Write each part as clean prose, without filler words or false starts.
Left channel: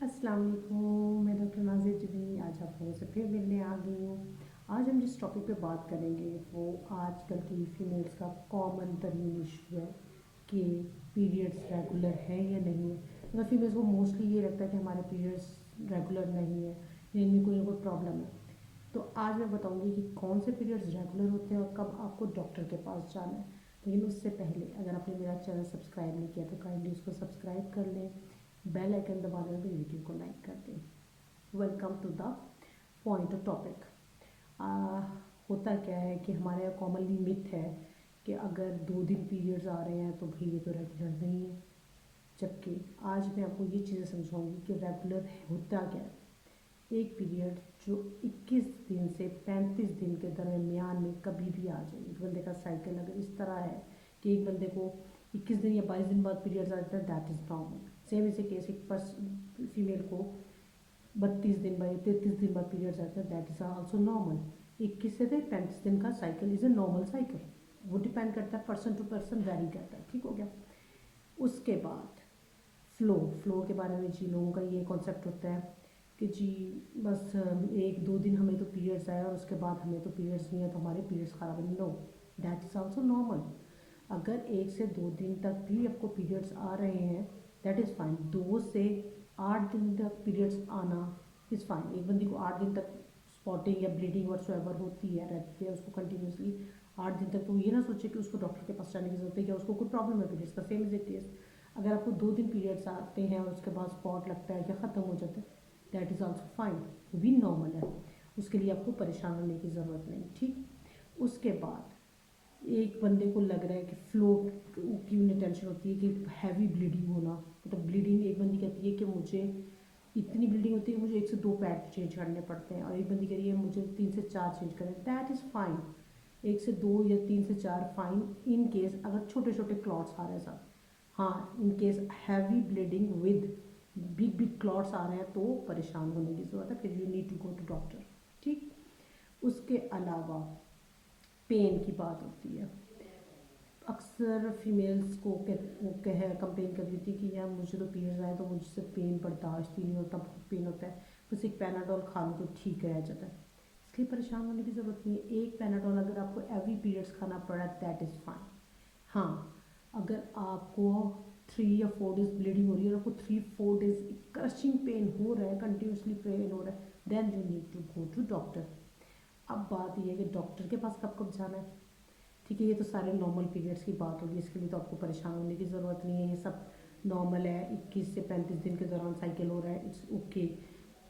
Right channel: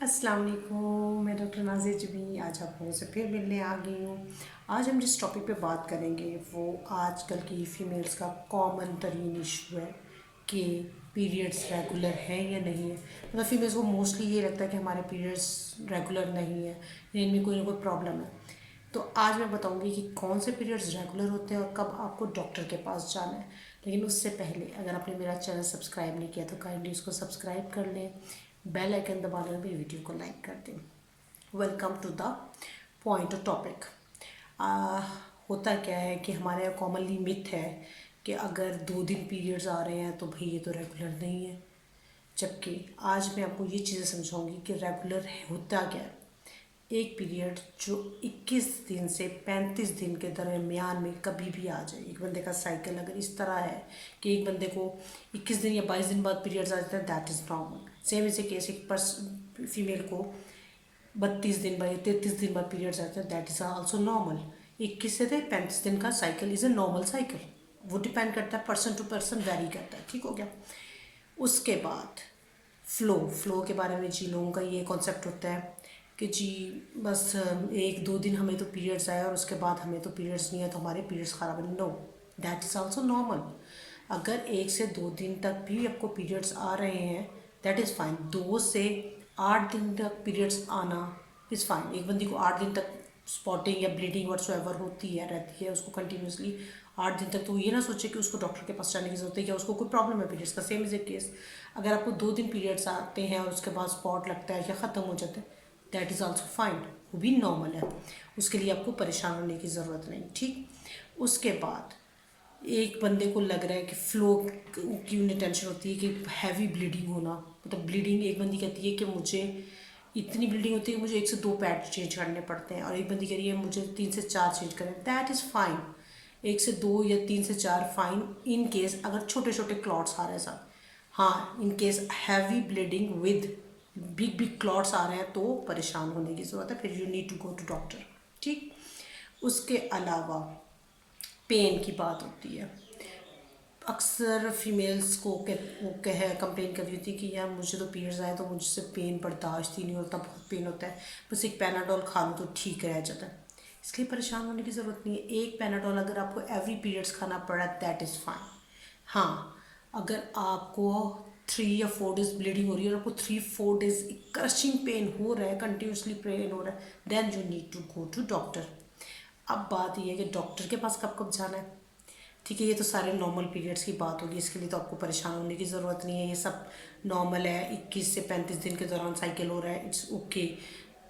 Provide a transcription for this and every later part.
अस्सलाम वालेकुम, मैं डॉक्टर नाज़िया जबी आज आप लोगों से फिर मिलने आ गई हूँ। आज हम जिस टॉपिक पे बात करेंगे वो आजकल की फ़ीमेल्स का कॉमन तरीन इशू है कि पीरियड्स रेगुलर हैं या नहीं है। मतलब फ़ीमेल्स को मोस्टली ये लगता है कि हमारे पीरियड्स रेगुलर नहीं है, इनमें कोई ना कोई प्रॉब्लम है। तो आज मैं बताऊंगी कि कौन से पीरियड्स रेगुलर होते हैं और कब आपको डॉक्टर के पास जाना है। लेकिन उससे पहले अगर आपने मेरा चैनल सब्सक्राइब नहीं किया तो काइंडली उसको सब्सक्राइब कर लें, बेल आइकन दबा लें, मेरी वीडियो को लाइक कर दें। Welcome to the point of topic. होता क्या है कि हमारे यहाँ कॉमनली मिथ है कि अगर 2 दिन पीरियड्स आ रहे हैं तो भाई ये तो रेगुलर नहीं है। जबकि आज मैं आपको ये चीज़ें समझाऊंगी कि रेगुलर होता क्या है। एक पीरियड जो 21 दिन से 35 दिन के दरमियान में कभी भी आ जाए। एक बंदे का साइकिल अगर इस तरह है कि एक बंदे को 21 दिन या 22 दिन बाद पीरियड्स आ जाते हैं, दैट इज़ नॉर्मल। सेम इसे केस एक फीमेल को 32 दिन बाद या 33 दिन बाद पीरियड्स आते हैं, दैट इज़ आल्सो नॉर्मल। 21 से 35 दिन का cycle is a normal cycle. वो डिपेंड करता है, पर्सन टू पर्सन वेरी करता है। ठीक हो गया। उसके बाद फ्लो के बारे में जी लोगों का ये कॉन्सेप्ट होता है कि जी बस 1-2 दिन हमें तो पीरियड्स आए और उसके बाद हमें तो पीरियड्स नहीं है तो हमारे पीरियड्स ख़राब है। No, that is also normal. अगर 1 से 2 दिन तक भी आपको पीरियड्स आ रहे हैं, दैट इज़ फाइन। 2 से 8 दिन तक पीरियड्स आना इज़ फाइन। एक बंदी को 8 दिन तक स्पॉटिंग या ब्लीडिंग व्हाट्सोएवर होती है रहती है उसको कंटिन्यूसली 8 दिन तक, तो ये ना सोचे कि उसको डॉक्टर के पास जाने की ज़रूरत है या उसको कोई प्रॉब्लम है पीरियड्स का। सेम इज़ ए केस अगर आपको 2 दिन पीरियड्स आते हैं और उसके बाद स्पॉट लगता है या ख़त्म हो जाते हैं, दैट इज़ आल्सो फाइन, वो भी नॉर्मल है। उसके लिए आपको परेशान होने की ज़रूरत नहीं। ठीक। उसके बाद एक बंदे को लग रहा है कि फ्लो की उन्हें टेंशन होती है कि हैवी ब्लीडिंग होना, मतलब ब्लीडिंग। एक बंदी कहती है कि मुझे इतनी ब्लीडिंग होती है कि मुझे 1 से 2 पैड चेंज करने पड़ते हैं, और एक बंदी कह रही है मुझे 3 से 4 चेंज करने। That is fine. 1 से 2 या 3 से 4 फाइन इन केस अगर छोटे छोटे क्लॉट्स आ रहे हैं साथ। हाँ, in case heavy bleeding with big big clots आ रहे हैं तो परेशान होने की ज़रूरत है, फिर you need to go to doctor. ठीक। उसके अलावा पेन की बात होती है। अक्सर फीमेल्स को वो कह कंप्लेन कर रही होती है कि यार मुझे तो पीरियड्स आए तो मुझसे पेन बर्दाश्त ही नहीं होता, बहुत पेन होता है, बस एक पैनाडोल खा लूँ तो ठीक रह जाता है। इसलिए परेशान होने की ज़रूरत नहीं है। एक पैनाडोल अगर आपको एवरी पीरियड्स खाना पड़ा दैट इज़ फाइन। हाँ, अगर आपको 3 या 4 डेज ब्लीडिंग हो रही है और आपको 3-4 डेज क्रशिंग पेन हो रहा है, कंटिन्यूसली पेन हो रहा है, then you need to go to doctor. अब बात यह है कि डॉक्टर के पास कब कब जाना है। ठीक है, ये तो सारे नॉर्मल पीरियड्स की बात होगी, इसके लिए तो आपको परेशान होने की ज़रूरत नहीं है। ये सब नॉर्मल है। 21 से 35 दिन के दौरान साइकिल हो रहा है, इट्स ओके।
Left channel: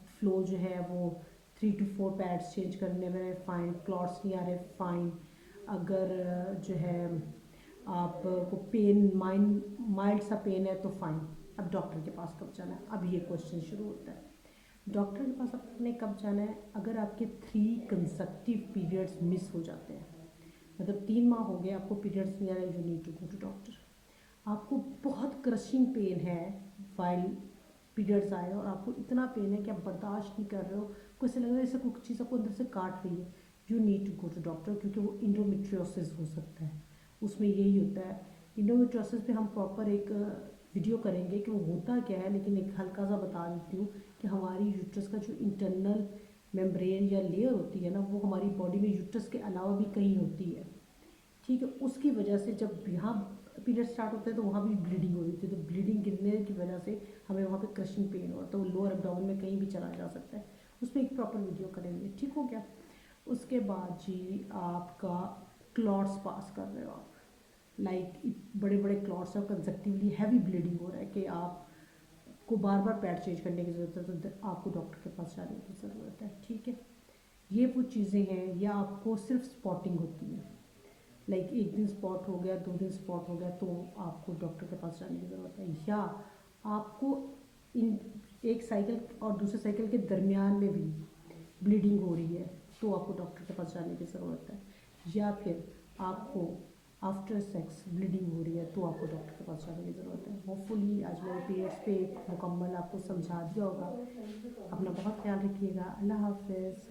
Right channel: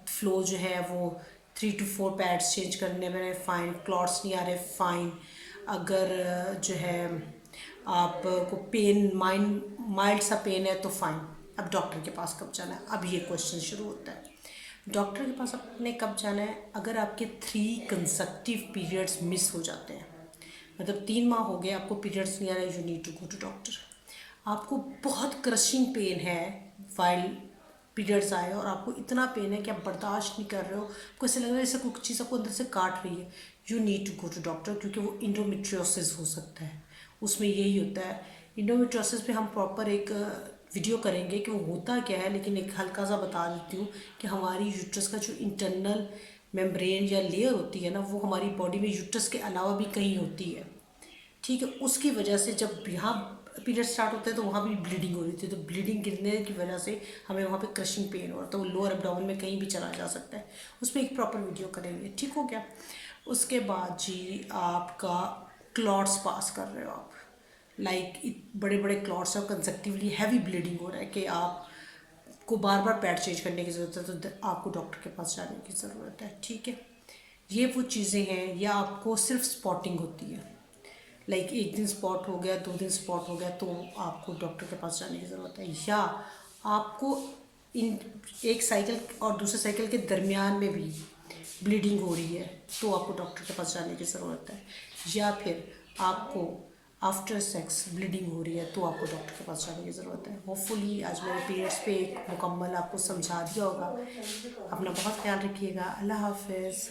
फ्लो जो है वो 3 to 4 पैड्स चेंज करने में फ़ाइन। क्लॉट्स नहीं आ रहे, फ़ाइन। अगर जो है आपको पेन माइल्ड सा पेन है तो फाइन। अब डॉक्टर के पास कब जाना है, अब ये क्वेश्चन शुरू होता है। डॉक्टर के पास आपने कब जाना है? अगर आपके 3 कंसेक्टिव पीरियड्स मिस हो जाते हैं, मतलब 3 माह हो गए आपको पीरियड्स नहीं आ रहे, you need to go to doctor. आपको बहुत क्रशिंग पेन है वाइल पीरियड्स आए और आपको इतना पेन है कि आप बर्दाश्त नहीं कर रहे हो, आपको ऐसा लग रहा है जैसे कुछ चीज़ आपको अंदर से काट रही है, you need to go to doctor. क्योंकि वो इंडोमेट्रियोसिस हो सकता है, उसमें यही होता है। इंडोमेट्रियोसिस पे हम प्रॉपर एक वीडियो करेंगे कि वो होता क्या है, लेकिन एक हल्का सा बता देती हूँ कि हमारी यूट्रस का जो इंटरनल मेम्ब्रेन या लेयर होती है ना, वो हमारी बॉडी में यूट्रस के अलावा भी कहीं होती है। ठीक है, उसकी वजह से जब यहाँ पीरियड स्टार्ट होता है तो वहाँ भी ब्लीडिंग हो रही थी, तो ब्लीडिंग गिरने की वजह से हमें वहाँ पे क्रशिंग पेन हो रहा था, वो लोअर एब्डोमेन में कहीं भी चला जा सकता है। उस पर एक प्रॉपर वीडियो करेंगे। ठीक हो गया। उसके बाद जी आपका क्लॉट्स पास कर रहे हो आप, बड़े बड़े क्लॉट्स हैं, कंसेक्टिवली हैवी ब्लीडिंग हो रहा है कि आप को बार बार पैड चेंज करने की ज़रूरत है, तो आपको डॉक्टर के पास जाने की ज़रूरत है। ठीक है, ये वो चीज़ें हैं। या आपको सिर्फ स्पॉटिंग होती है, एक दिन स्पॉट हो गया, 2 दिन स्पॉट हो गया, तो आपको डॉक्टर के पास जाने की ज़रूरत है। या आपको इन एक साइकिल और दूसरे साइकिल के दरमियान में भी ब्लीडिंग हो रही है तो आपको डॉक्टर के पास जाने की ज़रूरत है। या फिर आपको आफ्टर सेक्स ब्लीडिंग हो रही है तो आपको डॉक्टर के पास जाने की ज़रूरत है। होपफुली आज मैंने पीरियड्स पे एक मुकम्मल आपको समझा दिया होगा। अपना बहुत ख्याल रखिएगा। अल्लाह हाफिज़।